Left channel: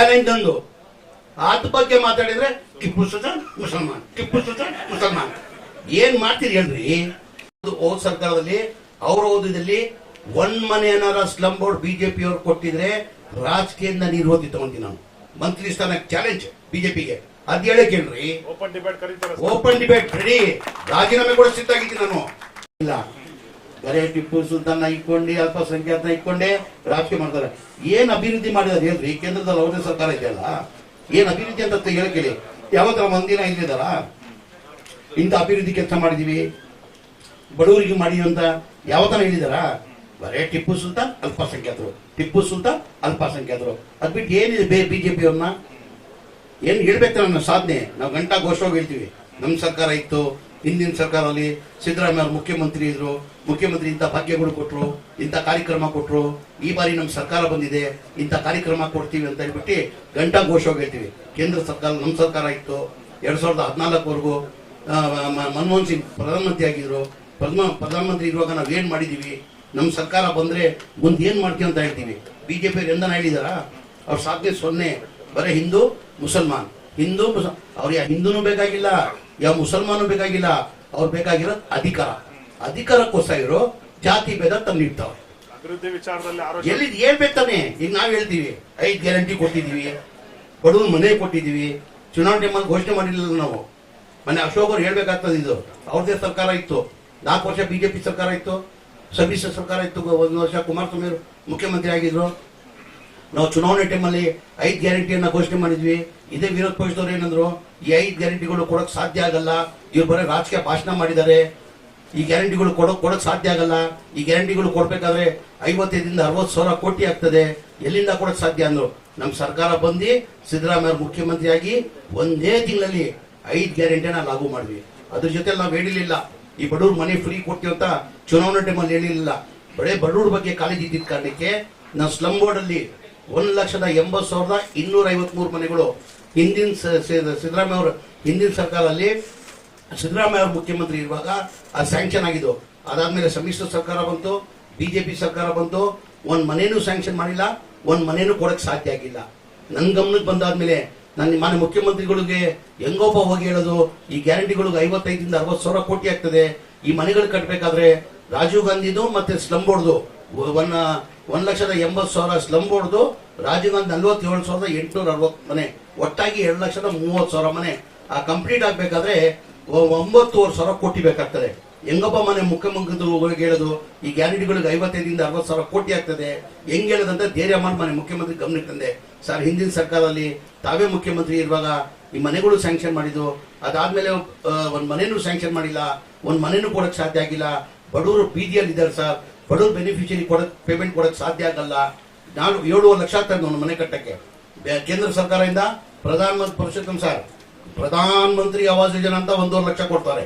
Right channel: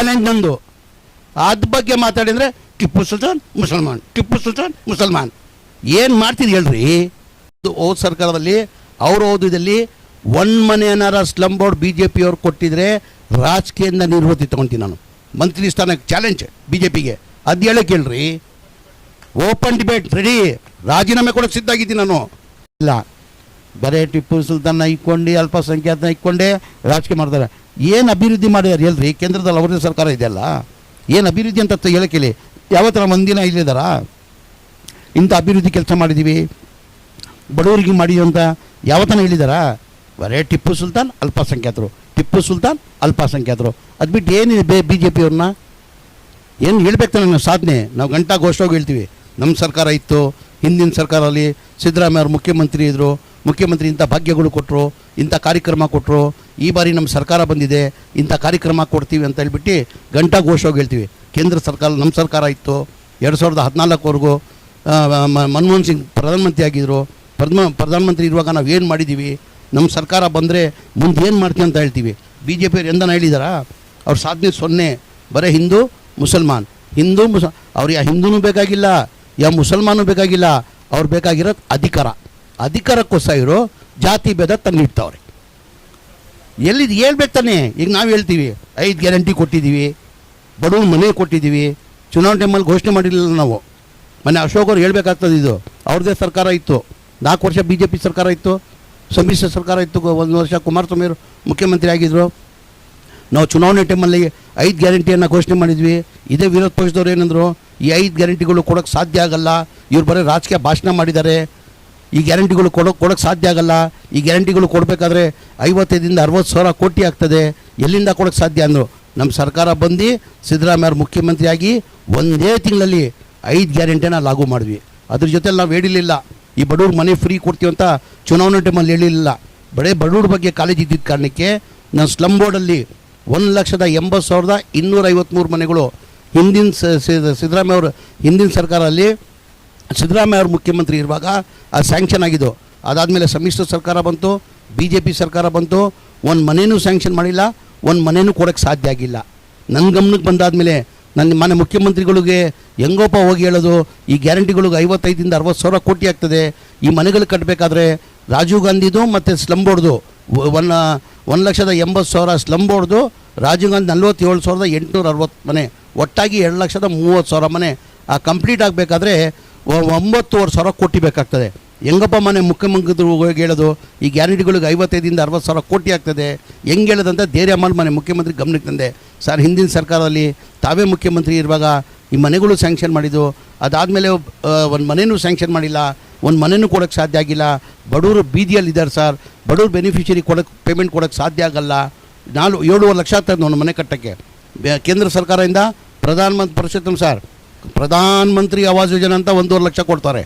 Challenge ನಂದು. ಅದ್ರ ಬಗ್ಗೆ ಮಾತಾಡಿದರೆ ಟಿಪ್ಪು ಸುಲ್ತಾನ್ ಮುಸಲ್ಮಾನ್, ಟಿಪ್ಪು ಸುಲ್ತಾನ್ ಮುಸಲ್ಮಾನ್. ಏನು ಮಾಡ್ತೀರಿ ಹೇಳ್ರಿ? ಹೋದ ಸರ್ಕಾರದಲ್ಲಿ ಅವ್ರ ಓದಿದಲ್ಲಿ ಒಂದು ಮನೆ ಏನಾರ ಸ್ಲಮ್ ಬೋರ್ಡ್ BJP ಅವ್ರು ಕೊಟ್ಟಿದ್ರೆ ರಾಜಕೀಯದಿಂದ ನಿರ್ವೃತ್ತಿ ತಗೊಂತೀನಿ ನಾನು. ಮಂತ್ರಿ ಸ್ಥಾನಕ್ಕೆ ಚಾಲೆಂಜ್ BJPಗೆ. ಅದು ಹೇಳಕ್ಕೆ ಹೇಳ್ರಿ. ಓಪನ್ ಡಿಬೇಟ್ ರೆಡಿ, ರಾಜೀನಾಮೆ ಕೊಡೋಕೆ ಸಿದ್ಧಾಗಿದ್ದೀನಿ ನಾನು. ಇಲ್ಲ, ಬರೇ ಟಿಪ್ಪು ಸುಲ್ತಾನ್ನ ಇಟ್ಕೊಂಡು ಅಲ್ಪಸಂಖ್ಯಾತನ ಇಟ್ಕೊಂಡೆ ರಾಜಕೀಯ ಮಾಡ್ತಾರೆ. ಏನು ಅಭಿವೃದ್ಧಿ ಮಾಡಿದಾರೆ ಹೇಳ್ರಿ? ಕೇಂದ್ರದಲ್ಲಿ ಅವ್ರದೇ ಸರ್ಕಾರ ಇದೆಯಲ್ಲ, ಏನು ಅಭಿವೃದ್ಧಿ ಅಂತ ಹೇಳಕ್ಕೆ ಹೇಳಿ. ಯಾವತ್ತರ ಮಂದಿನ ಇಲ್ಲಿದ್ದಾರಾ? ಇಂಥ ಅಭಿವೃದ್ಧಿ ಕೆಲಸ ಮಾಡಿದ್ದೀವಿ, ಬಡವರಿಗೆ ಮಾಡಿದೀವಿ ಅಂತ ಯಾವತ್ತನ ಹೇಳಿದಾರಾ? ಬರೇ ಟಿಪ್ಪು ಸುಲ್ತಾನ್ ಅಲ್ಪಸಂಖ್ಯಾತರು, ಟಿಪ್ಪು ಸುಲ್ತಾನ್ ಅಲ್ಪಸಂಖ್ಯಾತರು. ಅದು ಬಿಟ್ಟು ಏನಿದೆ BJP ಅವ್ರನ್ನ ಏನು ಹೇಳ್ಬೇಕು? ನಮ್ಮ ಸಾಧನೆ ನಾವು ಗಂಟಾ ಘೋಷವಾಗಿ ಹೇಳ್ತೀವಿ. ನಮ್ಮ ಸರ್ಕಾರ ಇತ್ತು, ಹಿಂದಿನ ಸರ್ಕಾರದಲ್ಲಿ ಸಿದ್ದರಾಮಯ್ಯ ಅವರು ಮುಖ್ಯಮಂತ್ರಿ ಇದ್ದರು, ಮುಖ್ಯಮಂತ್ರಿ ಇಂಥ ಭಾಗ್ಯಗಳು ಕೊಟ್ಟರು, ಇಂಥ ಕಾರ್ಯಕ್ರಮ ಕೊಟ್ಟರು. ಈ ಬಾರಿ ನಮ್ಮ ಸರ್ಕಾರ ಬಂದಿದೆ, ಇಂಥ ಕಾರ್ಯಕ್ರಮ ಕೊಡ್ತೀವಿ ಅಂತ ಹೇಳ್ಬಿಟ್ಟು ಗಂಟಾ ಘೋಷವಾಗಿ ಹೇಳ್ತೀವಿ. ಕೇಂದ್ರ ಸರ್ಕಾರ ನಮ್ಮ ಸರ್ಕಾರ ಇತ್ತು 2014ವರೆಗೂ. ಮನಮೋಹನ್ ಸಿಂಗ್ ಪ್ರಧಾನಮಂತ್ರಿ ಆಗಿದ್ದರು. ಪ್ರಧಾನಮಂತ್ರಿ ಇರುವಾಗ ನಾವು ಏನು ಮಾಡಿದ್ದೀವಿ, ನಮ್ಮ ಸರ್ಕಾರ ಬಂದರೆ ಮುಂದೆ ಏನು ಮಾಡ್ತೀವಿ ಅಂತ ಹೇಳ್ತೀವಿ. BJP ಅವ್ರು ಎಂದನ ಹೇಳಿದಾರಾ? ಅವ್ರ ಸಾಧನೆ 0. ಬರೀ ಹಿಂದೂ ಮುಸಲ್ಮಾನ್, ಹಿಂದೂ ಅವ್ರಿಗೆ ಹಿಂದೂನೂ ಬೇಕಾಗಿಲ್ಲ, ಯಾವ ಮುಸಲ್ಮಾನೂ ಬೇಕಾಗಿಲ್ಲ. ಅವ್ರು ಬೇಕಾಗಿರೋದು ಅಧಿಕಾರ. ಅಧಿಕಾರಕ್ಕೋಸ್ಕರ ಇರೋ ಜಾತಿ ಭೇದ ತಂದಿಡ್ತಾವ್ರೆ. ಎಲ್ಲಿದು ಹೇಳ್ಬೇಕು ತಾನೆ? ಈಗ ನಾವು ಹೇಳ್ತೀವಿ 5 ಗ್ಯಾರಂಟಿ ಕೊಟ್ಟಿದ್ದೀವಿ, ಬಡವ್ರ ಮನೆ ಕೊಟ್ಟಿದ್ದೀವಿ. ಚುನಾವಣೆ ಟೈಮಲ್ಲಿ ಘೋಷಣೆ ಮಾಡಿರಲಿಲ್ಲ ನಾವು. ಮೊನ್ನೆ ಅಶೋಕ್ ಅವ್ರು ಹೇಳ್ಬೇಕಾಗ್ತದೆ. ಇದು ಅವ್ರದ್ದೇ ಸರ್ಕಾರ ಇತ್ತು, 4 ವರ್ಷ BJP ಸರ್ಕಾರ ಇತ್ತು, ಸಮ್ಮಿಶ್ರ ಸರ್ಕಾರ ಇತ್ತು. 1 ವರ್ಷ ಕುಮಾರಸ್ವಾಮಿ ಅವರು ಮುಖ್ಯಮಂತ್ರಿ ಆಗಿದ್ರು. ನಾವು ಚುನಾವಣೆ ಟೈಮಲ್ಲಿ 5 ಗ್ಯಾರಂಟಿಯನ್ನು ಘೋಷಣೆ ಮಾಡಿದ್ವಿ. ಇದೇ ವಿರೋಧ ಪಕ್ಷದವ್ರು ಏನಂದ್ರು, ಈ 5 ಗ್ಯಾರಂಟಿಗಳು ಕೊಡೋಕ್ಕೆ ಸಾಧ್ಯ ಆಗಲ್ಲ, ಇವ್ರು ಬರೀ ರಾಜಕೀಯ ಭಾಷಣ ಮಾಡಿದ್ದಾರೆ, ಈ ಗ್ಯಾರಂಟಿಗಳು ಕೊಡೋಕ್ಕೆ ಸಾಧ್ಯ ಆಗಲ್ಲ, ಈ ಗ್ಯಾರಂಟಿಗಳು ಕೊಡಬೇಕಾದ್ರೆ 55ರಿಂದ 60 ಸಾವಿರ ಕೋಟಿ ಆಗ್ತದೆ, ಎಲ್ಲಿಂದ ಕೊಡೋಕ್ಕೆ ಸಾಧ್ಯ ಅಂದರು. ನಮ್ಮ ಸರ್ಕಾರ ಬಂದು ಸಿದ್ದರಾಮಯ್ಯ ಮುಖ್ಯಮಂತ್ರಿಯಾಗಿ ಒಂದೇ ತಿಂಗಳಲ್ಲಿ 5 ಗ್ಯಾರಂಟಿನ ಲಾಗು ಮಾಡಿದ್ವಿ. ಅದ್ರ ಜೊತೆ ನಾವು ಹೇಳಿರಲಿಲ್ಲ ಈ ಬಡವ್ರ ಮನೆ ಫ್ರೀ ಕೊಡ್ತೀವಿ ಅಂತ ಚುನಾವಣೆ ಟೈಮಲ್ಲಿ ಹೇಳಿರಲಿಲ್ಲ. ಬಡವ್ರ ಬಗ್ಗೆ ಕಾಳಜಿ ಇದ್ದಿದ್ದ ಕಾರಣಕ್ಕೆ ನಾವು ಸ್ಲಮ್ ಬೋರ್ಡಲ್ಲಿ 1,80,253 ಮನೆಗಳು ಹಿಂದಿನ ಸಿದ್ದರಾಮಯ್ಯ ಅವರು ಹಿಂದಿನ ಸರ್ಕಾರದಲ್ಲಿ ಸಿದ್ದರಾಮಯ್ಯ ಅವರು ಮುಖ್ಯಮಂತ್ರಿ ಇರುವಾಗ ಅದು ಸ್ಯಾಂಕ್ಷನ್ ಆಗಿದ್ದು. ಅದಾದಮೇಲೆ ಸಮ್ಮಿಶ್ರ ಸರ್ಕಾರ ಬಂತು, BJP ಸರ್ಕಾರ ಬಂತು, ಒಂದು ಮನೇನೂ ಸ್ಯಾಂಕ್ಷನ್ ಮಾಡಿಲ್ಲ, ಒಂದು ಮನೇನೂ ಕೊಡೋಕ್ಕೆ ಸಾಧ್ಯ ಆಗಿಲ್ಲ. ನನ್ನ ಗಮನಕ್ಕೆ ಬಂದಾದಮೇಲೆ ನನ್ನ ಮನೆ ಮುಖ್ಯಮಂತ್ರಿಗಳಿಗೆ ಹೆಂಗೋಪ ಹೋಗಿ ಹೇಳೋದು, ಈ ಗ್ಯಾರಂಟಿಗಳಿಗೆ 55ರಿಂದ 60 ಸಾವಿರ ಕೋಟಿ ಆಗ್ತದೆ, ಈ ಮನೆಗಳು ಕಟ್ಟಬೇಕಾದ್ರೆ ರಾಜೀವ್ ಗಾಂಧಿದು ಮತ್ತು ಸ್ಲಮ್ ಬೋರ್ಡ್ದು 1,80,000 ಸ್ಲಮ್ ಬೋರ್ಡ್ದು, ರಾಜೀವ್ ಗಾಂಧಿ 47,860 ಮನೆ, ಒಟ್ಟಾಗಿ 2,30,000 ಮನೆ ಕಂಪ್ಲೀಟ್ ಆಗಬೇಕಾದ್ರೆ 9,000 ಕೋಟಿ ಬೇಕಾಗ್ತದೆ. ಹೆಂಗಪ್ಪ ಮನೆ ಮುಖ್ಯಮಂತ್ರಿ ಹೋಗಿ ಹೇಳೋದು ಈ ಗ್ಯಾರಂಟಿಗಳಿಗೆ 55ರಿಂದ 60 ಸಾವಿರ ಕೋಟಿ ಆಗ್ತದೆ? ಹೆಂಗೆ ಹೇಳೋದಂತ ಧೈರ್ಯ ಮಾಡಿ ಮನೆ ಮುಖ್ಯಮಂತ್ರಿ ಗಮನಕ್ಕೆ ತಂದೆ. ಸರ್, ಹಿಂದಿನ ಸರ್ಕಾರದಲ್ಲಿ ತಾವೇ ಮುಖ್ಯಮಂತ್ರಿ ಇರುವಾಗ ಈ ಮನೆಗಳು ಸ್ಯಾಂಕ್ಷನ್ ಮಾಡಿದ್ದು, ಅದಾದಮೇಲೆ ಒಂದು ಮನೆಯೂ ಸ್ಯಾಂಕ್ಷನ್ ಮಾಡಿಲ್ಲ, ಒಂದು ಮನೆಯೂ ಕೊಡೋಕ್ಕೆ ಸಾಧ್ಯ ಆಗಿಲ್ಲ. ಬಡವರು ಬೀದಿಯಲ್ಲಿದ್ದಾರೆ ಸರ್, ಬಡವರು ಬೆನಿಫಿಷರಿ ಪೇಮೆಂಟ್ ಕೊಡೋಕ್ಕೆ ಸಾಧ್ಯ ಆಗಲ್ಲ. 7 ಲಕ್ಷ ಆಗ್ತದೆ ಒಂದು ಮನೆ ಕಟ್ಟೋಕ್ಕೆ. ಕೇಂದ್ರ ಸರ್ಕಾರದಿಂದ ಪ್ರಧಾನಮಂತ್ರಿ ಪುರುಷೋತ್ತಮ್ ಸರ್, ಪ್ರಧಾನಮಂತ್ರಿ ಆವಾಸ್ ಯೋಜನೆ ಅಂತ 1.5 ಲಕ್ಷ ಕೊಡ್ತಾರೆ.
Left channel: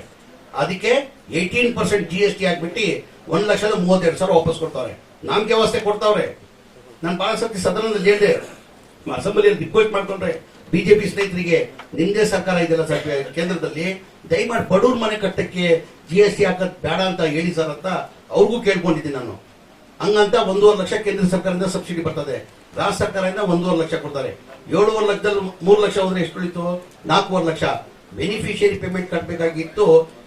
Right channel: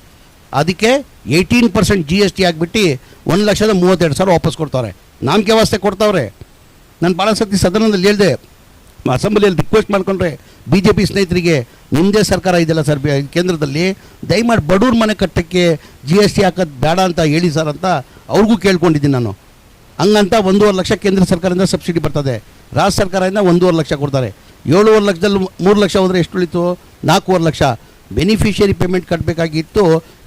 ಅದಕ್ಕೆ 18% GST ಆಗಿಬಿಟ್ಟು 1,32,000 ವಾಪಸ್ ಕೊಡ್ತಾರೆ. ನಾಮಕೆ ವ್ಯವಸ್ಥೆ ಕೊಡ್ತಾವ್ರೆ. ನಾನು ಭಾಳ ಸತಿ ಸದನದಲ್ಲಿ ಹೇಳಿದೆ, ಅಸೆಂಬ್ಲಿಯಲ್ಲಿ ರಿಕ್ವೆಸ್ಟ್ ಮಾಡ್ಕೊಂಡ್ರೆ BJP ಸ್ನೇಹಿತರಿಗೆ, ನಿಮ್ಮದೇ ಸರ್ಕಾರ ಇದೆಯಲ್ಲ ಸರ್ ಕೇಂದ್ರದಲ್ಲಿ, ದಯಮಾಡಿ ಬಡವ್ರ ಮನೆ ಕಟ್ಟಕ್ಕೆ GST ಹಾಕೋದು ಬೇಡ ಅಂತ ಹೇಳಿ ಸರ್ ಅಂತ ಅವ್ರಿಗೂ ಕೇಳ್ಕೊಂಡಿದ್ದೀನಿ ನಾನು. ಹಂಗಂತ 1.5 ಲಕ್ಷ ಕೇಂದ್ರ ಸರ್ಕಾರದಿಂದ ಸಬ್ಸಿಡಿ ಬರ್ತದೆ, ರಾಜ್ಯ ಸರ್ಕಾರದಿಂದ 1.5 ಲಕ್ಷ ಕೊಡ್ತಾರೆ. 7.5 ಲಕ್ಷದಲ್ಲಿ 3 ಲಕ್ಷ ಹೋದರೆ ಎಷ್ಟು ಉಳಿತು? 4.5 ಲಕ್ಷ. ಬೆನಿಫಿಷಿಯರಿ ಪೇಮೆಂಟ್ ಕಟ್ಟಬೇಕಾಗಿತ್ತು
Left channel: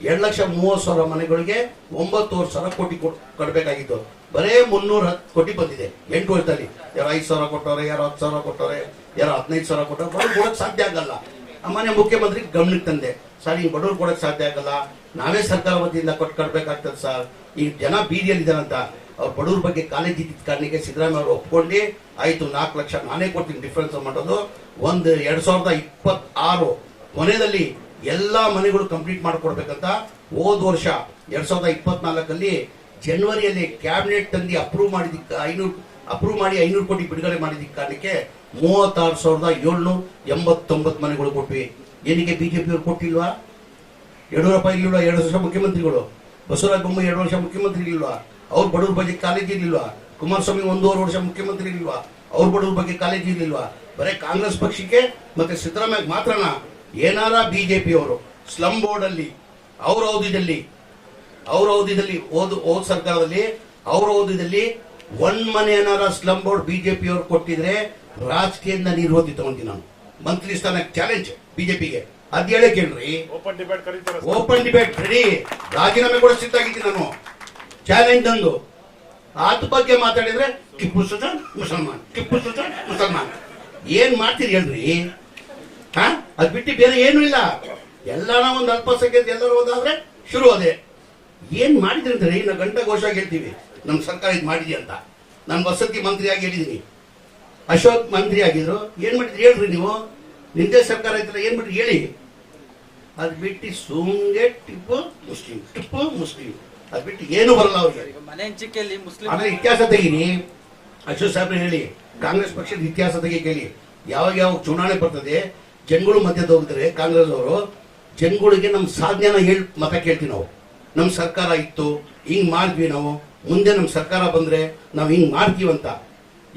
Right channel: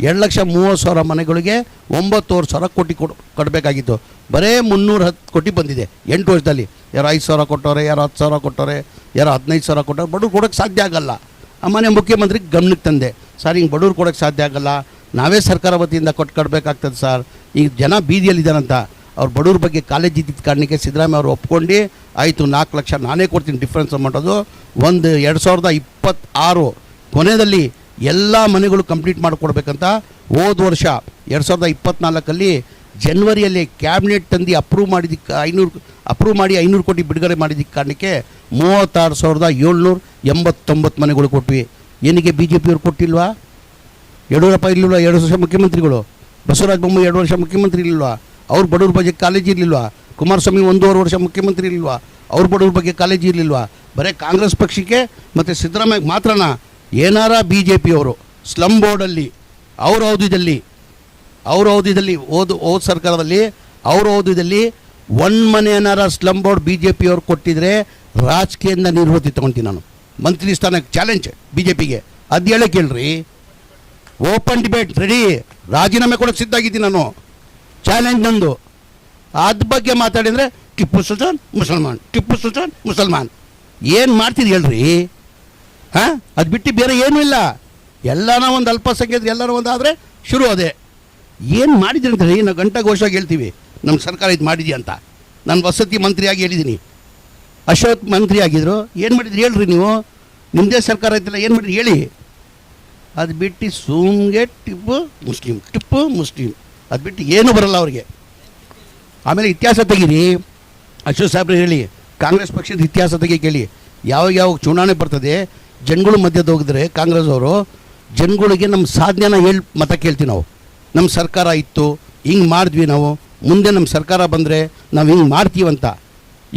2,30,000 ಮನೆಗಳಿಗೆ 9,000 ಕೋಟಿ ಕಟ್ಟಬೇಕಾಗಿತ್ತು. ಬರೇ 310 ಕೋಟಿ ಬಂದಿದೆ 8 ವರ್ಷದಲ್ಲಿ. ಯಾರು 5,000 ಕೊಟ್ಟವ್ರೆ, ಯಾರು 10,000 ಕೊಟ್ಟವ್ರೆ, ಯಾರು 15,000 ಕೊಟ್ಟವ್ರೆ. ಬಡವ್ರು ಕೊಡೋಕ್ಕೆ ಸಾಧ್ಯ ಆಗಲ್ಲ. ಮನೆ ಮುಖ್ಯಮಂತ್ರಿ ಗಮನಕ್ಕೆ ತಂದೆ, ಸರ್ ಹಿಂಗೆ ಬಡವ್ರು ಕೊಡೋಕ್ಕೆ ಸಾಧ್ಯ ಆಗಲ್ಲ, ನಾವೇ ಸರ್ಕಾರ ವತಿಯಿಂದ ಕೊಡಬೇಕಾಗ್ತದೆ ಸರ್. ಈಗ ಜನ ಬೀದಿಯಲ್ಲಿದ್ದಾರಂತ ಅವ್ರು ಬಡವ್ರ ಬಗ್ಗೆ ಕಾಲೇಜ್ ಇದ್ದಿದ್ದ ಕಾರಣಕ್ಕೆ ಸಿದ್ದರಾಮಯ್ಯ ಅವರು ಒಪ್ಕೊಂಡು ಆಯಿತು 4 ಲಕ್ಷ ನಾನೇ ಕೊಡ್ತೀನಿ ಡಿಫ್ರೆನ್ಸ್ ಮಾಡೋದು. 2026 ಕೊನೆಯಲ್ಲಿ ಎಲ್ಲ ಮನೆಗಳು ಕಂಪ್ಲೀಟ್ ಮಾಡಿಕೊಡ್ಬೇಕಂತ ಹೋದ ವರ್ಷ 2024 ಜನವರಿಯಲ್ಲಿ ಕ್ಯಾಬಿನೆಟ್ ತಂದು ಅಪ್ರೂವ್ ಮಾಡಿದ್ದಕ್ಕೆ 500 ಕೋಟಿ ಬಿಡುಗಡೆ ಮಾಡಿದ್ದಕ್ಕೆ ಕಾರಣಕ್ಕೆ 36,789 ಮನೆಗಳು ಕೊಟ್ವಿ. ಏನಿಗೆ BJP ಅವ್ರು ಕೊಟ್ಟಿಲ್ವಾ? ಯಡಿಯೂರಪ್ಪ ಇರಲಿಲ್ವಾ 2 ವರ್ಷ ಮುಖ್ಯಮಂತ್ರಿಗಳು? ಬಸವರಾಜ ಬೊಮ್ಮಾಯಿ 2 ವರ್ಷ ಮುಖ್ಯಮಂತ್ರಿ ಇರಲಿಲ್ವಾ? ಅವ್ರ ಬಡವ್ರ ಬಗ್ಗೆ ಕಾಳಜಿ ಇರಲಿಲ್ವಾ? ಕುಮಾರಸ್ವಾಮಿ 1.5 ವರ್ಷ ಮುಖ್ಯಮಂತ್ರಿ ಇರಲಿಲ್ವಾ? ಅವ್ರ ಬಡವ್ರ ಬಗ್ಗೆ ಕಾಳಜಿ ಇರಲಿಲ್ವಾ? ಬರೀ ಕಾಂಗ್ರೆಸ್ ಪಕ್ಷಕ್ಕೆ ಮತ್ತು ಸಿದ್ದರಾಮಯ್ಯ ಮಾತ್ರನ ಏನಾರ BJP ಅವರು ಸ್ಲಮ್ ಬೋರ್ಡಲ್ಲಿ ಅವ್ರ ಅವಧಿಯಲ್ಲಿ ಹೋದ ಸರ್ಕಾರದಲ್ಲಿ ಅವ್ರ ಅವಧಿಯಲ್ಲಿ 1 ಮನೆ ಏನಾರ ಸ್ಲಮ್ ಬೋರ್ಡ್ BJP ಅವ್ರು ಕೊಟ್ಟಿದ್ರೆ ರಾಜಕೀಯದಿಂದ ನಿರ್ವೃತ್ತಿ ತಗೊಂತೀನಿ ನಾನು. ಮಂತ್ರಿ ಸ್ಥಾನಕ್ಕೆ ಚಾಲೆಂಜ್ BJPಗೆ, ಅದು ಹೇಳೇ ಕೇಳ್ರಿ. ಓಪನ್ ಡಿಬೇಟ್ ರೆಡಿ, ರಾಜೀನಾಮೆ ಕೂಡ ಸಿದ್ಧಾಗಿದ್ದೀನಿ ನಾನು. ಚಾಲೆಂಜ್ ನಂದು. ಅದ್ರ ಬಗ್ಗೆ ಮಾತಾಡಿದರೆ ಟಿಪ್ಪು ಸುಲ್ತಾನ್ ಮುಸಲ್ಮಾನ್, ಟಿಪ್ಪು ಸುಲ್ತಾನ್ ಮುಸಲ್ಮಾನ್. ಏನು ಮಾಡ್ತೀರಿ ಹೇಳ್ರಿ? ಹಾಂ, ಅದು ಬಿಟ್ಟು ಬೇರೆ ಏನೂ ಇಲ್ಲ. ಎಲ್ಲಾನ ಒಂದು ಅಲ್ಪಸಂಖ್ಯಾತ ಎಲ್ಲರೂ ಒಂದಾದರೆ ಶುರು ಅದೇ. ಏನು ಮಾಡಿದ್ದೀನಿ ಅಂತ ಹೇಳಿ ನಾವು ಘಂಟಾಘೋಷವಾಗಿ ಹೇಳ್ತೀವಿ, ನಮ್ಮ ಸರ್ಕಾರ ಇದು ಮಾಡಿದ್ಯಾ ಅಂತ. ನಾನು ವಸತಿ ಮಂತ್ರಿಯಾಗಿ ಹೇಳಿದ್ದೀನಿ, ಅಶೋಕ್ ಮಂತ್ರಿ ಆಗಿದ್ರು. ಏನು ಮಾಡಿದ್ರಿ ಹೇಳ್ರಿ ನೀವು? ನಿಮ್ಮದೇ ಸರ್ಕಾರ ಐತಲ್ಲ, ಏನು ಮಾಡಿದ್ರಿ ಹೇಳಿ? ಅದು ಬಿಟ್ಟು ಸುಮ್ಗೆ ಟಿಪ್ಪು ಮುಸ್ಲಿಂ, ಟಿಪ್ಪು ಮುಸ್ಲಿಂ, ಅದು ಬಿಟ್ಟು ಏನೂ ಬರಲ್ಲ ಅವ್ರಿಗೆ. ಆಮೇಲೆ ಇತಿಹಾಸ ತೆಗೀರಿ, ಅಶೋಕ್ ಸಾಹೇಬ್ರು ಹೇಳಿ, ಕಾಂಗ್ರೆಸ್ ಪಕ್ಷದ ಇತಿಹಾಸ ತೆಗಿ ಕೇಳಿ. ಯಾವಾಗ ಚುನಾವಣೆ ಬರ್ತದೆ, ಜನಗಳು ಮಧ್ಯದ ಹೋಗಿದ್ರೆ ಕಾಂಗ್ರೆಸ್ ಅವರು ಜನಗಳಿಗೆ ನಮ್ಮ ಸಾಧನೆನ ಹೇಳಿ ಮತ ಕೇಳ್ತೀವಿ ನಾವು. ನಮ್ಮ ಸರ್ಕಾರ ಇತ್ತು, ಹಿಂಗೆ ಮಾಡಿದ್ವಿ ನಾವು, ಮುಂದೆ ನಮ್ಮ ಸರ್ಕಾರ ಬಂದರೆ ನಾವು ಹಿಂಗೆ ಮಾಡ್ತೀವಂತ.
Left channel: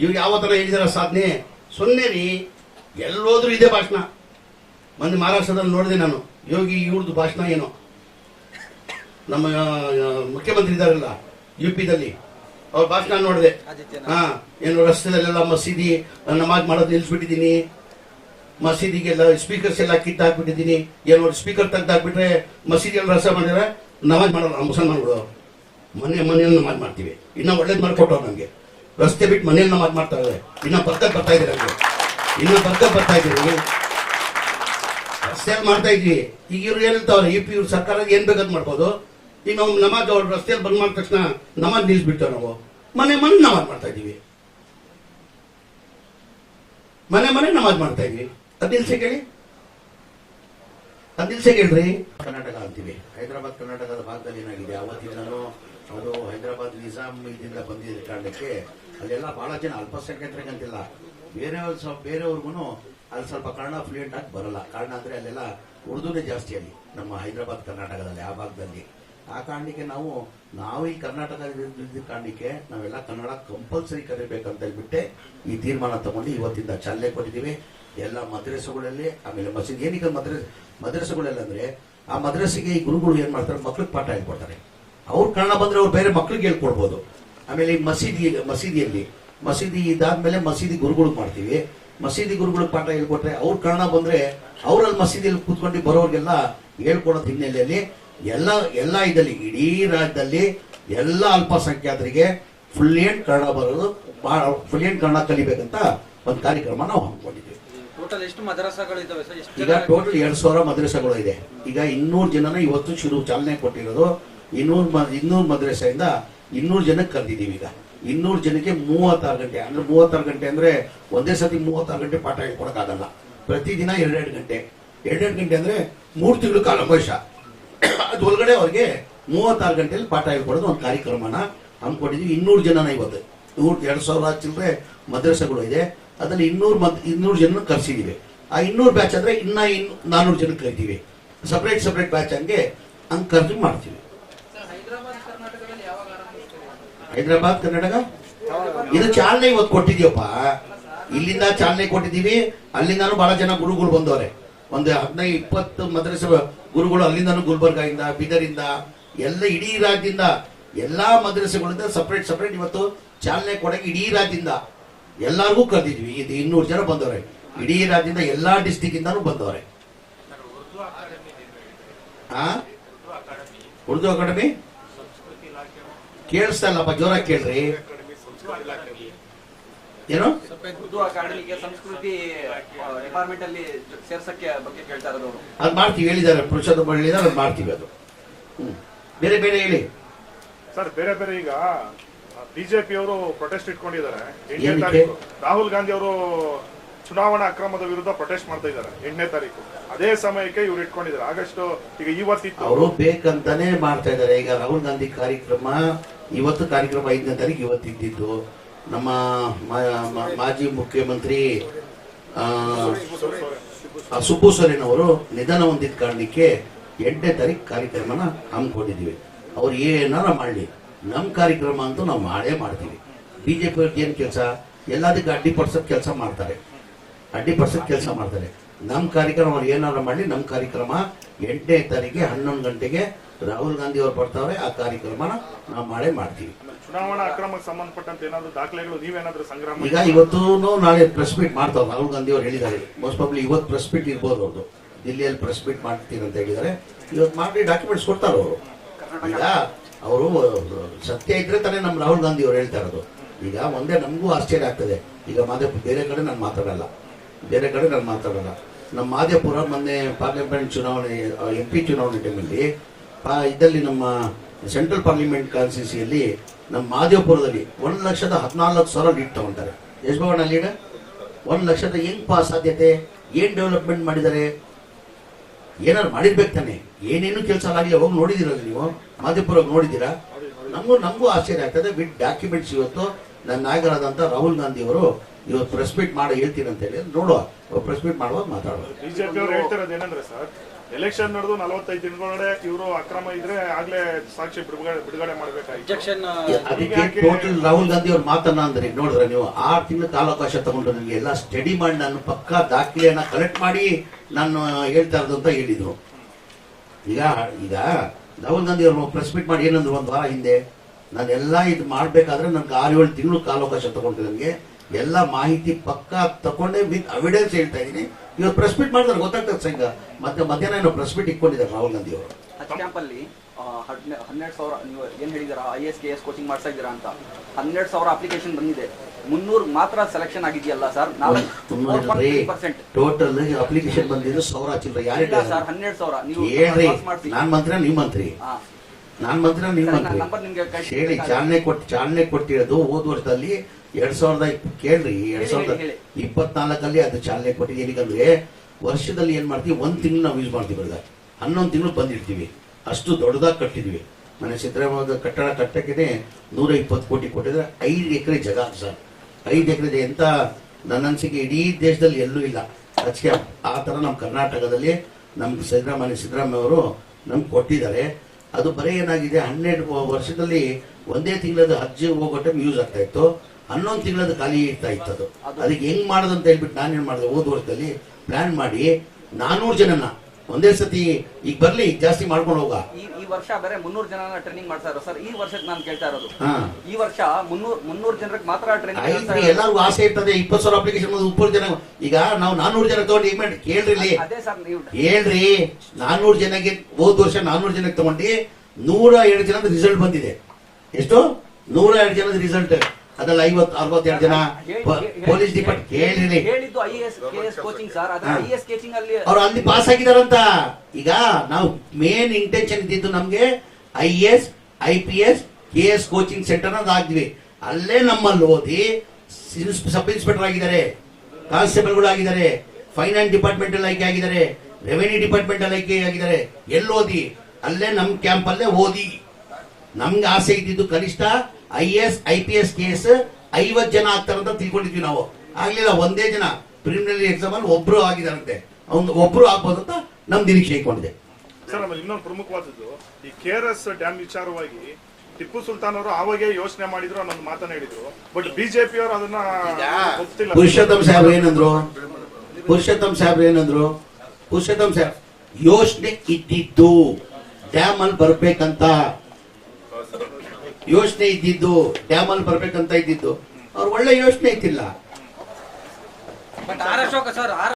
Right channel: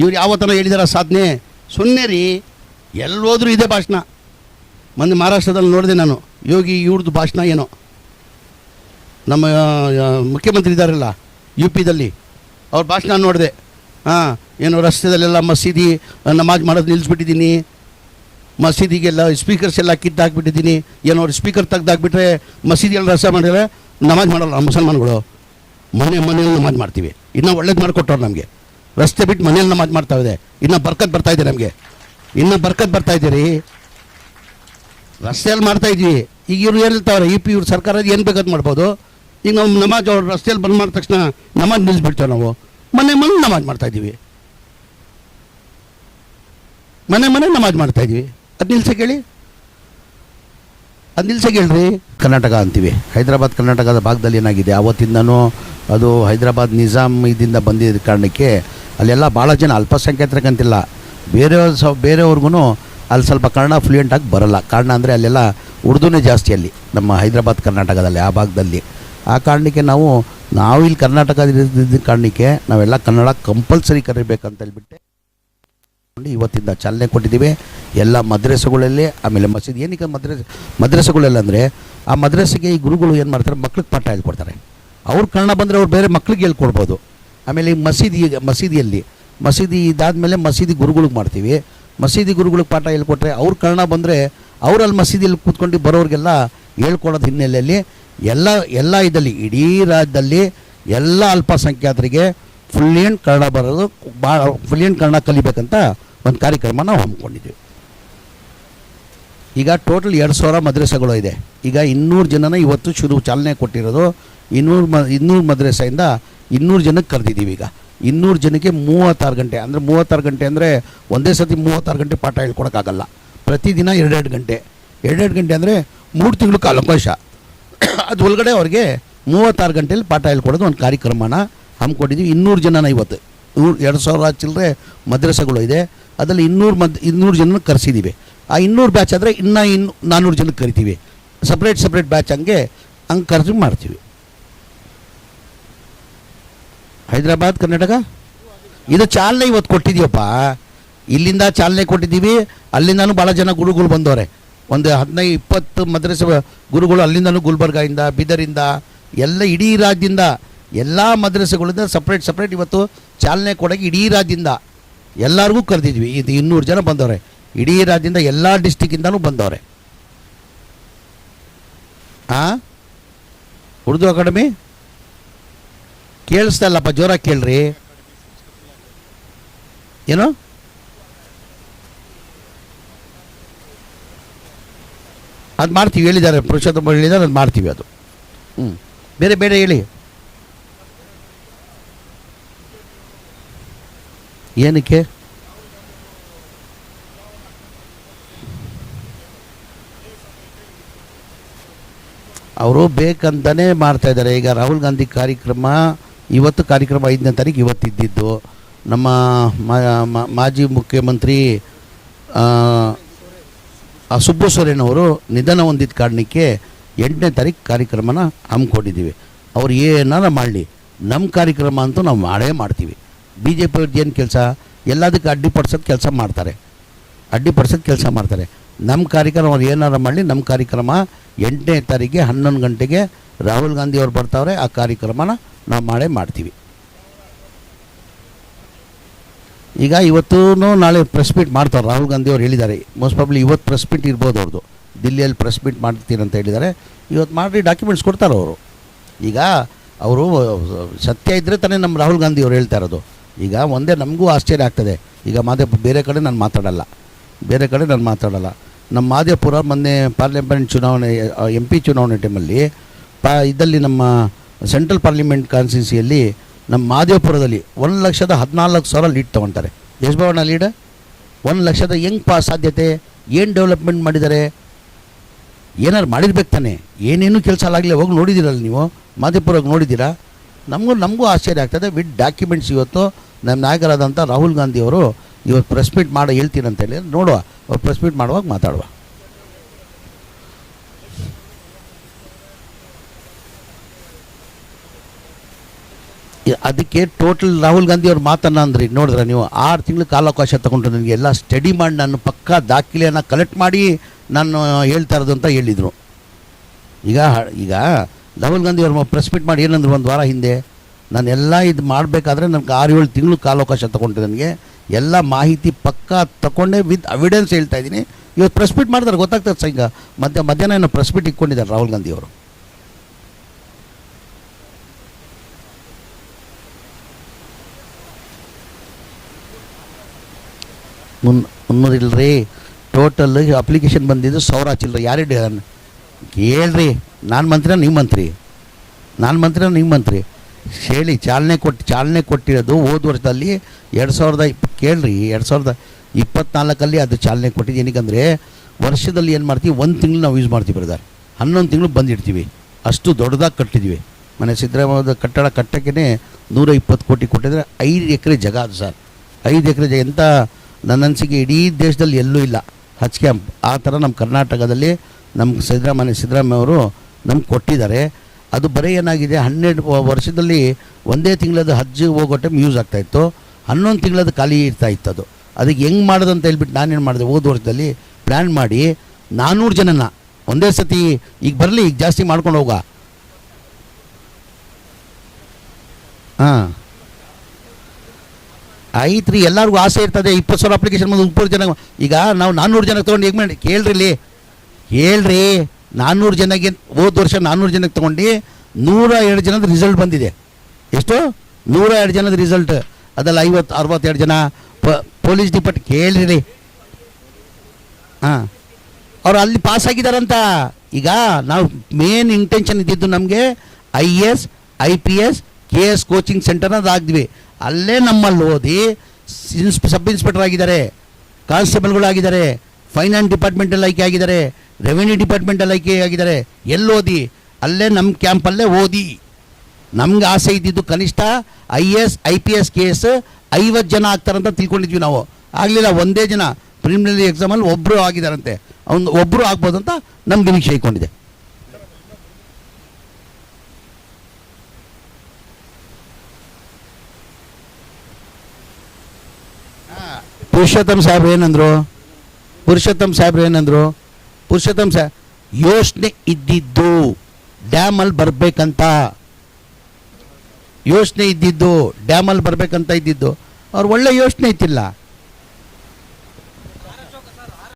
ಇವ್ರು ಯಾವ ಥರ ಹೇಳಿದಾರ ಸಾಧನೆ? ಸುಮ್ಮನೆ ರೀ, ಎಲ್ಲೋದ್ರೂ ಇದೇ ಭಾಷಣ. ಮೊನ್ನೆ ಮಹಾರಾಷ್ಟ್ರದಲ್ಲಿ ನೋಡಿದೆ ನಾನು, ಯೋಗಿ ಇವ್ರದ್ದು ಭಾಷಣ ಏನೋ. ನಮ್ಮ ಮುಖ್ಯಮಂತ್ರಿ ಇದ್ದಾರಲ್ಲ UPದಲ್ಲಿ, ಅವ್ರ ಭಾಷಣ ನೋಡಿದೆ. ಹಾಂ, ಏನೋ ರಸ್ತೆದಲ್ಲೆಲ್ಲ ಮಸೀದಿ ನಮಾಜ್ ಮಾಡೋದು ನಿಲ್ಲಿಸ್ಬಿಟ್ಟಿದ್ದೀನಿ, ಮಸೀದಿಗೆಲ್ಲ ಸ್ಪೀಕರ್ಸ್ ಎಲ್ಲ ಕಿತ್ತಾಕ್ಬಿಟ್ಟಿದ್ದೀನಿ. ಏನೋ ಅವ್ರು ಸ್ಪೀಕರ್ ತೆಗ್ದಾಕ್ಬಿಟ್ರೆ ಮಸೀದಿಯಲ್ಲಿ ರಸ ಮಾಡಿದ್ರೆ ನಮಾಜ್ ಮಾಡಲ್ಲ ಮುಸಲ್ಮಾನ್ಗಳು. ಮನೆಯಲ್ಲಿ ನಮಾಜ್ ಮಾಡ್ತೀವಿ. ಇನ್ನೂ ಒಳ್ಳೇದು ಮಾಡಿಕೊಟ್ಟವ್ರು ನಮಗೆ. ರಸ್ತೆ ಬಿಟ್ಟು ಮನೆಯಲ್ಲಿ ನಮಾಜ್ ಮಾಡ್ತಾ ಇದೆ. ಇನ್ನೂ ಬರ್ಕತ್ ಬರ್ತಾ ಇದೆ ನಮಗೆ, ಇನ್ನೂ ಬರ್ಕತ್ ಬರ್ತಾ ಇದ್ದೀರಿ. ರಸ್ತೆಯಲ್ಲಿ ಮಾಡ್ತಾ ಇದ್ವಿ. ಈಗ ಇವ್ರು ಹೇಳ್ತಾವ್ರೆ UP ಇವ್ರ ಸರ್ಕಾರ ಏನು ಬೇಕಾದ್ ಮಾಡ್ಬೋದು. ಈಗ ನಾವು ನಮಾಜ್ ಅವ್ರು ರಸ್ತೆಯಲ್ಲಿ ಬಂದ್ ಮಾಡಿದ ತಕ್ಷಣ ನಮಾಜ್ ನಿಲ್ಲಿಸ್ಬಿಡ್ತೇವೆ ನಾವು. ಮನೆ ನಮಾಜ್ ಮಾಡ್ತಾ ಇದ್ದೀವಿ, ಮನೆ ನಮಾಜ್ ಮಾಡ್ತಾ ಇದ್ವಿ. ಅದು ನಿಲ್ಸಕ್ಕೆ ಹೇಳಿ, ಅದು ನಿಲ್ಸಕ್ಕೆ ಹೇಳ್ರಿ. ಕರ್ನಾಟಕ ಅಂತೀವಿ, ಹೈದರಾಬಾದ್ ಕರ್ನಾಟಕದ ಭಾಗದಲ್ಲಿ ಏನಾಗಿದೆ ಆವತ್ತಿಂದನೂ ಅದು ಹೈದರಾಬಾದ್ ನಿಜಾಮ್ ಇದರಿಂದ ಬಂದಿದ್ದ ಕಾರಣಕ್ಕೆ ಅಲ್ಲೆಲ್ಲ ಭಾಳ ಜನ ಅಲ್ಪಸಂಖ್ಯಾತರಿಗಂತಿಲ್ಲ, ಬೇರೆಯವ್ರಿಗೂ ಅಲ್ಲಿ ಸ್ವಲ್ಪ ಕನ್ನಡ ಫ್ಲೂಯೆಂಟಾಗಿ ಬರಲ್ಲ. ಕಾರಣ ಅಂದರೆ ಅಲ್ಲೆಲ್ಲ ಉರ್ದುನೇ ಜಾಸ್ತಿ ಅಲ್ಲಿ ನಮ್ಮ ಹೈದರಾಬಾದ್ ಕರ್ನಾಟಕದಲ್ಲಿ ಆ ಭಾಗದಲ್ಲಿ. ಆ ಕಾರಣಕ್ಕೆ ನಾವು ಇಲ್ಲಿ ಕರ್ನಾಟಕದ ಕಾರಣಕ್ಕೆ ನಾವೆಲ್ಲ ಕನ್ನಡ ಕಂಪಲ್ಸರಿ ಕರಿಬೇಕಂತ ಹೇಳ್ಬಿಟ್ಟು ಈ ತೀರ್ಮಾನ ತಗೊಂಡು ಇವತ್ತಿಂದ ಚಾಲನೆ ಕೊಟ್ಟಿದ್ದೀವಿ. ಎಲ್ಲ ಮದ್ರಸೆಗಳಲ್ಲಿ, ಆಮೇಲೆ ಮಸೀದಿ. ಏನಕ್ಕೆ ಮದ್ರಸೆಗಳೆಲ್ಲ ಅಂದರೆ ಆ ಮದ್ರಸೆಗೆ ಈ ಗುರುಗಳು ಏನು ಮಾಡ್ತಾರೆ, ಮಕ್ಳಿಗೆ ಪಾಠ ಹೇಳ್ಕೊಡ್ತಾರೆ. ಅವ್ರು ಕನ್ನಡ ಬಂದರೆ ಅವ್ರು ಬೇರೆ ಮಕ್ಳಿಗೆ ಹೇಳ್ಕೊಡ್ಬೋದು. ಆಮೇಲೆ ಈ ಮಸೀದಿ ಇದಾದಮೇಲೆ ಮಸೀದಿ ಗುರುಗಳಿಗೆ ಮಾಡ್ತೀವಿ. ಮಸೀದಿ ಗುರುಗಳಿಗೆ ಪಾಠ ಹೇಳ್ಕೊಟ್ರೆ ಅವ್ರು ಕನ್ನಡ ಬಂದರೆ ಅವರಲ್ಲಿ ಮಸೀದಿಯಲ್ಲಿ ಕೂತ್ಕೊಂಡು ಬರೋರಿಗೆಲ್ಲ ಹೇಳ್ಕೊಡೋದು ಹಿನ್ನೆಲೆಯಲ್ಲಿ ಎಲ್ಲ ಇದರಲ್ಲಿ ಇಡೀ ರಾಜ್ಯದಲ್ಲಿ ಎಲ್ಲ ಅಲ್ಪಸಂಖ್ಯಾತರಿಗೆ ಫ್ಲೂಯೆಂಟ್ ಕನ್ನಡ ಬರೋದು, ಭಾಳ ಫ್ಲೂಯೆಂಟ್ ಕನ್ನಡ ಕಲಿಬೇಕಂತ ಒಂದು ಕಾರ್ಯಕ್ರಮ ನಾವು ಹಮ್ಮಿಕೊಂಡಿದ್ದೀವಿ. ಈಗ ಟೋಟಲ್ 2000 ಮದ್ರಸೆಗಳು ಇದೆ. ಈಗ 200 ಜನನ ಇವತ್ತು ಚಾಲನೆ ಕೊಟ್ಟಿರೋದು. 200 ಮದ್ರಸೆಯಿಂದ 200 ಜನಕ್ಕೆ ಕರೆದಿದ್ದೀವಿ. ಈಗ 200 ಜನಕ್ಕೆ 36 ಗಂಟೆ ಅಂದರೆ 36 ಗಂಟೆ ಅಂದರೆ ಒಂದೇ ಸತಿ 36 ಗಂಟೆ ಪಾಠ ಹೇಳ್ಕೊಡೋಕ್ಕಾಗಲ್ಲ. ಪ್ರತಿದಿನ 2 ಗಂಟೆ ಅಂದರೆ 3 ತಿಂಗಳು ಕಾಲಾವಕಾಶ. ಅದು ಒಳಗಡೆ ಅವ್ರಿಗೆ 36 ಗಂಟೆಯಲ್ಲಿ ಪಾಠ ಹೇಳ್ಕೊಡೋದು ಒಂದು ಕಾರ್ಯಕ್ರಮನ ಹಮ್ಮಿಕೊಂಡಿದ್ದೀವಿ. 200 ಜನನ ಇವತ್ತು 2000 ಚಿಲ್ಲರೆ ಮದ್ರಸೆಗಳು ಇದೆ. ಅದರಲ್ಲಿ 200 ಜನನ ಕರೆಸಿದ್ದೀವಿ. ಆ 200 ಬ್ಯಾಚ್ ಆದರೆ ಇನ್ನೂ 400 ಜನಕ್ಕೆ ಕರಿತೀವಿ. ಸಪ್ರೇಟ್ ಬ್ಯಾಚ್ ಹಂಗೆ ಕರೆದು ಮಾಡ್ತೀವಿ. ಹೈದರಾಬಾದ್ ಕರ್ನಾಟಕ ಇದು ಚಾಲನೆ ಇವತ್ತು ಕೊಟ್ಟಿದ್ದೀವಪ್ಪ. ಇಲ್ಲಿಂದ ಚಾಲನೆ ಕೊಟ್ಟಿದ್ದೀವಿ. ಅಲ್ಲಿಂದನೂ ಭಾಳ ಜನ ಗುರುಗಳು ಬಂದವ್ರೆ. ಒಂದು 15-20 ಮದ್ರಸೆ ಗುರುಗಳು ಅಲ್ಲಿಂದನೂ ಗುಲ್ಬರ್ಗಾಯಿಂದ, ಬೀದರಿಂದ, ಎಲ್ಲ ಇಡೀ ರಾಜ್ಯದಿಂದ ಎಲ್ಲ ಮದ್ರಸೆಗಳಿಂದ ಸಪ್ರೇಟ್ ಇವತ್ತು ಚಾಲನೆ ಕೊಡೋಕೆ ಇಡೀ ರಾಜ್ಯದಿಂದ ಎಲ್ಲರಿಗೂ ಕರೆದಿದ್ವಿ. ಇದು 200 ಜನ ಬಂದವ್ರೆ. ಇಡೀ ರಾಜ್ಯದಿಂದ ಎಲ್ಲ ಡಿಸ್ಟಿಕ್ಕಿಂದನೂ ಬಂದವ್ರೆ. ಉರ್ದು ಅಕಾಡೆಮಿ ಕೇಳಿಸ್ತಾ ಇಲ್ಲಪ್ಪ, ಜೋರಾಗಿ ಕೇಳ್ರಿ. ಏನು ಅದು ಮಾಡ್ತೀವಿ ಹೇಳಿದ್ದಾರೆ, ಪುರುಷೋತ್ತಮ ಹೇಳಿದ್ದಾರೆ, ಅದು ಮಾಡ್ತೀವಿ. ಅದು ಬೇರೆ ಹೇಳಿ ಸರ್. ಬೇರೆ ಈಗ ಬಿಜೆಪಿ ಅವರು ಪ್ರೊಟೆಸ್ಟ್ ಇಟ್ಕೊಂಡಿದ್ದಾರೆ. ಏನಕ್ಕೆ? ರಾಹುಲ್ ಗಾಂಧಿ ಅವರು ಚುನಾವಣಾ ಅಕ್ರಮದ ವಿರುದ್ಧ ಪ್ರೊಟೆಸ್ಟ್ ಮಾಡ್ತಾ ಇದ್ದಾರೆ 8ನೇ ತಾರೀಕು. ಅದೇ ಸಮಯಕ್ಕೆ ಇವ್ರು ಇಟ್ಕೊಂಡಿದ್ದಾರೆ ಆಗಸ್ಟ್. ಈಗ ಇವತ್ತು ಅವರು ಬೇಕಂತಾನೆ ಮಾಡ್ತಾ ಇದ್ದಾರೆ. ಈಗ ರಾಹುಲ್ ಗಾಂಧಿ ಕಾರ್ಯಕ್ರಮ 5ನೇ ತಾರೀಕು ಇವತ್ತಿದ್ದು. ನಮ್ಮ ಮಾಜಿ ಮುಖ್ಯಮಂತ್ರಿ ಸುಬ್ಬು ಸೋರೆನ್ ಅವರು ನಿಧನ ಹೊಂದಿದ್ದ ಕಾರಣಕ್ಕೆ 8ನೇ ತಾರೀಕು ಕಾರ್ಯಕ್ರಮನ ಹಮ್ಮಿಕೊಂಡಿದ್ದೀವಿ. ಅವ್ರು ಏನಾರ ಮಾಡಲಿ, ನಮ್ಮ ಕಾರ್ಯಕ್ರಮ ಅಂತೂ ನಾವು ಮಾಡ್ತೀವಿ. BJP ಅವ್ರದ್ದು ಏನು ಕೆಲಸ, ಎಲ್ಲದಕ್ಕೆ ಅಡ್ಡಿಪಡಿಸೋದು ಕೆಲಸ ಮಾಡ್ತಾರೆ. ನಮ್ಮ ಕಾರ್ಯಕ್ರಮ ಅವ್ರು ಏನಾರ ಮಾಡಲಿ, ನಮ್ಮ ಕಾರ್ಯಕ್ರಮ 8ನೇ ತಾರೀಕಿಗೆ 11 ಗಂಟೆಗೆ ರಾಹುಲ್ ಗಾಂಧಿ ಅವ್ರು ಬರ್ತಾವ್ರೆ. ಆ ಕಾರ್ಯಕ್ರಮನ ನಾವು ಮಾಡ್ತೀವಿ. ಚುನಾವಣಾ ಅಕ್ರಮಕ್ಕೆ ಸಂಬಂಧಪಟ್ಟಂತೆ ಏನಾದ್ರು ದಾಖಲೆಗಳು ನೀವೇನಾದ್ರೂ ಸಂಗ್ರಹ ಈಗ ಇವತ್ತು ನಾಳೆ ಪ್ರೆಸ್ ಮೀಟ್ ಮಾಡ್ತಾರೆ, ರಾಹುಲ್ ಗಾಂಧಿ ಅವರು ಹೇಳಿದ್ದಾರೆ. ಮೋಸ್ಟ್ ಪ್ರಾಬ್ಲಿ ಇವತ್ತು ಪ್ರೆಸ್ ಮೀಟ್ ಇರ್ಬೋದು ಅವ್ರದ್ದು, ದಿಲ್ಲಿಯಲ್ಲಿ ಪ್ರೆಸ್ ಮೀಟ್ ಮಾಡ್ತೀನಿ ಅಂತ ಹೇಳಿದ್ದಾರೆ. ಇವತ್ತು ಮಾಡಿ ಡಾಕ್ಯುಮೆಂಟ್ಸ್ ಕೊಡ್ತಾರೆ ಅವರು. ಈಗ ಅವರು ಸತ್ಯ ಇದ್ದರೆ ತಾನೇ ನಮ್ಮ ರಾಹುಲ್ ಗಾಂಧಿ ಅವರು ಹೇಳ್ತಾ ಇರೋದು. ಈಗ ಒಂದೇ ನಮಗೂ ಆಶ್ಚರ್ಯ ಆಗ್ತದೆ. ಈಗ ಬೇರೆ ಕಡೆ ನಾನು ಮಾತಾಡಲ್ಲ, ನಮ್ಮ ಮಾದೇಪುರ ಮೊನ್ನೆ ಪಾರ್ಲಿಮೆಂಟ್ ಚುನಾವಣೆ MP ಚುನಾವಣೆ ಟೈಮಲ್ಲಿ ಇದ್ದಲ್ಲಿ ನಮ್ಮ ಸೆಂಟ್ರಲ್ ಪಾರ್ಲಿಮೆಂಟ್ ಕಾನ್ಸ್ಟಿಟ್ಯೂನ್ಸಿಯಲ್ಲಿ ನಮ್ಮ ಮಾದೇಪುರದಲ್ಲಿ 1,14,00,000 ಲೀಡ್ ತೊಗೊಳ್ತಾರೆ. ಎಷ್ಟು ಬರೋಣ ಲೀಡ್? 1,00,000 ಹೆಂಗೆ ಪಾಸ್ ಸಾಧ್ಯತೆ? ಏನು ಡೆವಲಪ್ಮೆಂಟ್ ಮಾಡಿದ್ದಾರೆ? ಏನಾರು ಮಾಡಿರ್ಬೇಕು ತಾನೆ. ಏನೇನು ಕೆಲಸ ಆಗಲಿ ಹೋಗಿ ನೋಡಿದ್ದೀರಲ್ಲ ನೀವು, ಮಾದೇಪುರಕ್ಕೆ ನೋಡಿದ್ದೀರಾ? ನಮಗೂ ಆಶ್ಚರ್ಯ ಆಗ್ತದೆ. ವಿತ್ ಡಾಕ್ಯುಮೆಂಟ್ಸ್ ಇವತ್ತು ನನ್ನ ನಾಯಕರಾದಂಥ ರಾಹುಲ್ ಗಾಂಧಿ ಅವರು ಇವತ್ತು ಪ್ರೆಸ್ ಮೀಟ್ ಮಾಡಿ ಹೇಳ್ತೀನಿ ಅಂತ ಹೇಳಿ ನೋಡುವ, ಅವ್ರು ಪ್ರೆಸ್ ಮೀಟ್ ಮಾಡುವಾಗ ಮಾತಾಡುವ. ಬಿಜೆಪಿ ಅವರು ಹೇಳ್ತಿರೋದು ಏನಂದ್ರೆ ಸರ್, ಎಲೆಕ್ಷನ್ ನಡೆದು 45 ದಿನಗಳೊಳಗೆ ಇವರು ಅಕ್ರಮ ಇದ್ರೆ ಆಗ್ಲೇ ಸಾಕ್ಷಿ ಬಿಡುಗಡೆ ಮಾಡಬೇಕಾಗಿ. ಅದಕ್ಕೆ ಟೋಟಲ್ ರಾಹುಲ್ ಗಾಂಧಿ ಅವ್ರ ಮಾತನ್ನ ಅಂದ್ರೆ ನೋಡಿದ್ರೆ ನೀವು 6 ತಿಂಗಳು ಕಾಲಾವಕಾಶ ತಗೊಂಡ್ರು, ನನಗೆ ಎಲ್ಲ ಸ್ಟಡಿ ಮಾಡಿ ನಾನು ಪಕ್ಕಾ ದಾಖಲೆಯನ್ನು ಕಲೆಕ್ಟ್ ಮಾಡಿ ನಾನು ಹೇಳ್ತಾ ಇರೋದು ಅಂತ ಹೇಳಿದರು. ಈಗ ರಾಹುಲ್ ಗಾಂಧಿ ಅವ್ರ ಪ್ರೆಸ್ ಮೀಟ್ ಮಾಡಿ ಏನಂದ್ರು ಒಂದು ವಾರ ಹಿಂದೆ, ನಾನೆಲ್ಲ ಇದು ಮಾಡಬೇಕಾದ್ರೆ ನನಗೆ 6-7 ತಿಂಗಳು ಕಾಲಾವಕಾಶ ತಗೊಂಡ್ರೆ ನನಗೆ ಎಲ್ಲ ಮಾಹಿತಿ ಪಕ್ಕಾ ತಗೊಂಡೆ ವಿತ್ ಅವಿಡೆನ್ಸ್ ಹೇಳ್ತಾ ಇದ್ದೀನಿ. ಇವತ್ತು ಪ್ರೆಸ್ ಮೀಟ್ ಮಾಡಿದ್ರೆ ಗೊತ್ತಾಗ್ತದೆ ಸರ್. ಈಗ ಮಧ್ಯಾಹ್ನ ಏನೋ ಪ್ರೆಸ್ ಮೀಟ್ ಇಟ್ಕೊಂಡಿದ್ದಾರೆ ರಾಹುಲ್ ಗಾಂಧಿ ಅವರು. ಕ್ಯಾಂಪಲ್ಲಿ 12,000 ನೀವು ಏನು ಹೇಳಿದ್ದೀರಾ, IAS KS ಕೋಚಿಂಗ್ ಮಾಡ್ತಾ ಇದ್ದೀರಾ ಅಂತ 12,000 ಅಪ್ಲಿಕೇಶನ್ ಬಂದಿದೆ, 300 ಮಾತ್ರ ಸೆಲೆಕ್ಷನ್ ಆಗಿದೆಯಲ್ಲ ಸರ್? 300 ಇಲ್ಲರಿ, ಟೋಟಲ್ ಅಪ್ಲಿಕೇಶನ್ ಬಂದಿದ್ದು 1,000 ಚಿಲ್ಲರೆ. ಯಾರು ಹೇಳಿದ್ದಾರೆ? 12,000 ಹೇಳ್ರಿ, ನಾನು ಮಂತ್ರಿ ನೀವು ಮಂತ್ರಿ? ನಾನು ಮಂತ್ರಿ ನೀವು ಮಂತ್ರಿ? ಹೇಳಿ. ಚಾಲನೆ ಕೊಟ್ಟಿರೋದು ಹೋದ ವರ್ಷದಲ್ಲಿ 2020 ಕೇಳ್ರಿ, 2024ಅಲ್ಲಿ ಅದು ಚಾಲನೆ ಕೊಟ್ಟಿದ್ದು. ಏನಕ್ಕಂದರೆ ವರ್ಷದಲ್ಲಿ ಏನು ಮಾಡ್ತೀವಿ, 1 ತಿಂಗಳು ನಾವು ಯೂಸ್ ಮಾಡ್ತೀವಿ ಬ್ರದರ್, 11 ತಿಂಗಳು ಬಂದಿಡ್ತೀವಿ. ಅಷ್ಟು ದೊಡ್ಡದಾಗಿ ಕಟ್ಟಿದ್ವಿ. ಮನೆ ಸಿದ್ದರಾಮಯ್ಯ ಕಟ್ಟಡ ಕಟ್ಟಕ್ಕೆ 120 ಕೋಟಿ ಕೊಟ್ಟಿದ್ರೆ 5 ಎಕರೆ ಜಾಗ ಅದು ಸರ್. 5 ಎಕರೆ ಜಾಗ ಎಂಥ ನನ್ನ ಅನಿಸಿಕೆ ಇಡೀ ದೇಶದಲ್ಲಿ ಎಲ್ಲೂ ಇಲ್ಲ ಹಜ್ ಕ್ಯಾಂಪ್ ಆ ಥರ. ನಮ್ಮ ಕರ್ನಾಟಕದಲ್ಲಿ ನಮ್ಮ ಸಿದ್ದರಾಮಯ್ಯ ಅವರು ನಮ್ಗೆ ಕೊಟ್ಟಿದ್ದಾರೆ. ಅದು ಬರೀ ಏನಾಗಿದೆ, 12 ವರ್ಷದಲ್ಲಿ ಒಂದೇ ತಿಂಗಳದ್ದು ಹಜ್ ಹೋಗೋ ಟೈಮ್ ಯೂಸ್ ಆಗ್ತಾಯಿತ್ತು, 11 ತಿಂಗಳದ್ದು ಖಾಲಿ ಇರ್ತಾ ಇತ್ತು. ಅದಕ್ಕೆ ಹೆಂಗೆ ಮಾಡೋದು ಅಂತ ಹೇಳ್ಬಿಟ್ಟು ನಾನೇನು ಮಾಡಿದೆ, ಹೋದ ವರ್ಷದಲ್ಲಿ ಪ್ಲ್ಯಾನ್ ಮಾಡಿ 400 ಜನನ ಒಂದೇ ಸತಿ ಈಗ ಬರಲಿ, ಈಗ ಜಾಸ್ತಿ ಮಾಡ್ಕೊಂಡು ಹೋಗ. ಈ ವರ್ಷ ಬೇರೆ 300 ಜನನ ಟ್ರೈನಿಂಗ್ ಮಾಡ್ತಾ ಇರೋ ಸರ್. ಈ ವರ್ಷಕ್ಕೆ ನಾನು ಕೇಳ್ತಾ ಇರೋದು, ಹಾಂ ಈ ವರ್ಷ 300 ಜನರಿಗೆ ಮಾತ್ರ ಐತ್ರಿ. ಎಲ್ಲರಿಗೂ ಆಸೆ ಇರ್ತದೆ 20,000 ಅಪ್ಲಿಕೇಶನ್ ಬಂದು 30 ಜನ. ಈಗ ನಾವು 400 ಜನ ತೊಗೊಂಡು ಹೇಗೆ ಮಾಡಿ ಕೇಳ್ರಿ, ಅದೇ ಸರ್ ನೀವು ಹೇಳ್ರಿ. 400 ಜನಕ್ಕೆ ಹೋದ ವರ್ಷ 400 ಜನಕ್ಕೆ ತೊಗೊಂಡು 102 ಜನದ ರಿಸಲ್ಟ್ ಬಂದಿದೆ. ಎಷ್ಟು? 102 ಜನದ ರಿಸಲ್ಟ್. ಅದೆಲ್ಲ 50-62 ಜನ ಪೊಲೀಸ್ ಡಿಪಾರ್ಟ್ಮೆಂಟ್ ಕೇಳ್ರಿ. ಹೇಳಿದ್ದು IAS KS coaching sir. IAS coaching ಅಲ್ಲಿ ಅವ್ರು ಅಲ್ಲಿ ಪಾಸ್ ಆಗಿದಾರಂತ. ಈಗ ನಾವು ಮೇನ್ ಇಂಟೆನ್ಷನ್ ಇದ್ದಿದ್ದು ನಮಗೆ IAS IPS KS ಕೋಚಿಂಗ್ ಸೆಂಟರ್ನ ಆಗಿದ್ವಿ. ಅಲ್ಲೇ ನಮ್ಮಲ್ಲಿ ಓದಿ ಸಬ್ ಇನ್ಸ್ಪೆಕ್ಟರ್ ಆಗಿದ್ದಾರೆ, ಕಾನ್ಸ್ಟೇಬಲ್ಗಳು ಆಗಿದ್ದಾರೆ, ಫೈನಾನ್ಸ್ ಡಿಪಾರ್ಟ್ಮೆಂಟಲ್ಲಿ ಆಯ್ಕೆ ಆಗಿದ್ದಾರೆ, ರೆವಿನ್ಯೂ ಡಿಪಾರ್ಟ್ಮೆಂಟಲ್ಲಿ ಆಯ್ಕೆ ಆಗಿದ್ದಾರೆ. ಎಲ್ಲಿ ಓದಿ? ಅಲ್ಲೇ ನಮ್ಮ ಕ್ಯಾಂಪಲ್ಲೇ ಓದಿ. ನಮ್ಗೆ ಆಸೆ ಇದ್ದಿದ್ದು ಕನಿಷ್ಠ IAS IPS KS 50 ಜನ ಆಗ್ತಾರಂತ ತಿಳ್ಕೊಂಡಿದ್ವಿ ನಾವು. ಆಗಲಿಲ್ಲ, ಒಂದೇ ಜನ ಪ್ರಿಲಿಮಿನರಿ ಎಕ್ಸಾಮಲ್ಲಿ ಒಬ್ಬರು ಆಗಿದಾರಂತೆ. ಒಬ್ಬರು ಆಗ್ಬೋದು ಅಂತ ನಮ್ಗೆ ನಿರೀಕ್ಷೆ ಇಟ್ಕೊಂಡಿದೆ ಸರ್. ಆಮೇಲೆ ಇನ್ನೊಂದು ಪ್ರಮುಖವಾದದ್ದು, ಈ KRS ಡ್ಯಾಮ್ ವಿಚಾರವಾಗಿ ಟಿಪ್ಪು ಸುಲ್ತಾನ್ ಅವರು ಆವಾಗೇ ಯೋಚನೆ ಮಾಡಿದ್ರು ಅನ್ನೋದು ಮಾತನ್ನ ಹೇಳಿದ್ರು. ಬಟ್ ಬಿಜೆಪಿ ಅವರು ಅದನ್ನ ಒಪ್ತಿಲ್ಲ. ಪುರುಷೋತ್ತಮ್ ಸಾಹೇಬ್ರು ಯೋಚನೆ ಇದ್ದಿದ್ದು ಡ್ಯಾಮ್ ಅಲ್ಲಿ ಬರ್ಬೇಕಂತ, ಯೋಚನೆ ಇದ್ದಿದ್ದು ಡ್ಯಾಮ್ ಅಲ್ಲಿ ಬರ್ಬೇಕಂತ ಇದ್ದಿದ್ದು. ಅವ್ರು ಒಳ್ಳೆ ಯೋಚನೆ ಇತ್ತಿಲ್ಲ.